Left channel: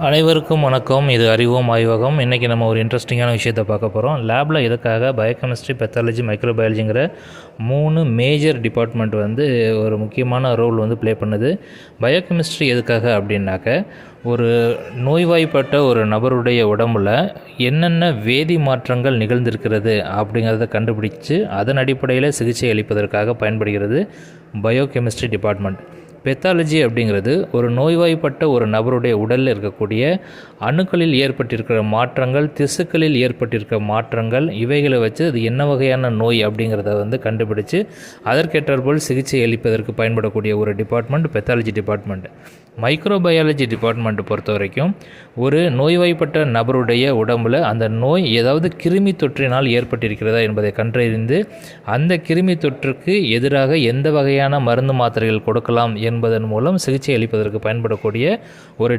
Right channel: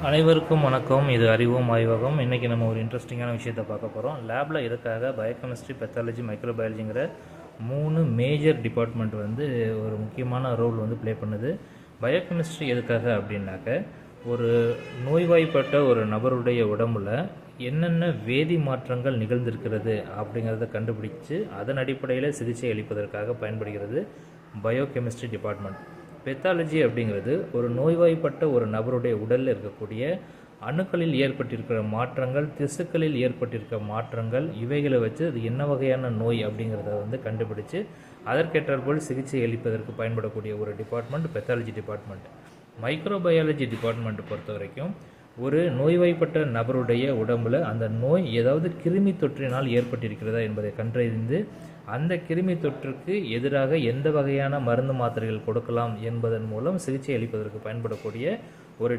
அனைவருக்கும் வணக்கம். இது அறிவோம் ஆய்வகம். இன்றைக்கி நம்ம ஒரு இன்ட்ரெஸ்டிங்கான விஷயத்தை பார்க்க போகிறோம் லேபில் எதுக்காக பயோகெமிஸ்ட்ரி பெத்தாலஜி மைக்ரோபயாலஜிங்கிற மூணு மேஜர் டிபார்ட்மெண்ட் வந்து ஒரு முக்கியமான ரோல் வந்து ப்ளே பண்ணுது. பயோகெமிஸ்ட்ரி எதுக்காக அப்படின்னாக்க ஒரு நோய்வாய்ப்பட்ட ஒரு நபருடைய உடம்புல என்னென்ன வேதி மாற்றங்கள் நிகழ்ந்திருக்கிறது அப்படிங்கிறத கண்டுபிடிச்சு அதன் அடிப்படையில் சிகிச்சை அளிப்பதற்காக பயன்படுகிறது பயோகெமிஸ்ட்ரி டிபார்ட்மெண்ட் பெத்தாலஜி அப்படிங்கிறது ஒரு நோய்வாய்ப்பட்ட ஒரு நபருடைய உடலில் இருக்கக்கூடிய அணுக்களில் ஏற்பட்டிருக்கிற மாற்றங்கள் திசுக்களில் ஏற்பட்டிருக்கிற மாற்றங்கள் இவைகளை வச்சு அது என்ன வகையான நோய் அப்படிங்கிறத வந்து கண்டுபிடிச்சு அதற்கேற்றாற்போல் சிகிச்சை அளிப்பதற்கு பயன்படக்கூடிய ஒரு டிபார்ட்மெண்ட் பெத்தாலஜி டிபார்ட்மெண்ட் மைக்ரோபயாலஜி டிபார்ட்மெண்ட்டை பொறுத்த வரைக்கும் ஒரு நோய்வாய்ப்பட்ட நபருடைய உடம்புல அந்த நோய் ஏதாவது கிருமி தொற்றினால் ஏற்பட்டிருக்கிறதா என்பதை கண்டறிந்து அந்த கிருமி தொற்றுக்கு எதிராக எந்த வகையான மருந்து மாத்திரைகள் கொடுக்கலாம் என்பதன் மூலம் சிகிச்சை அளிப்பதற்கு பயன்படக்கூடிய ஒரு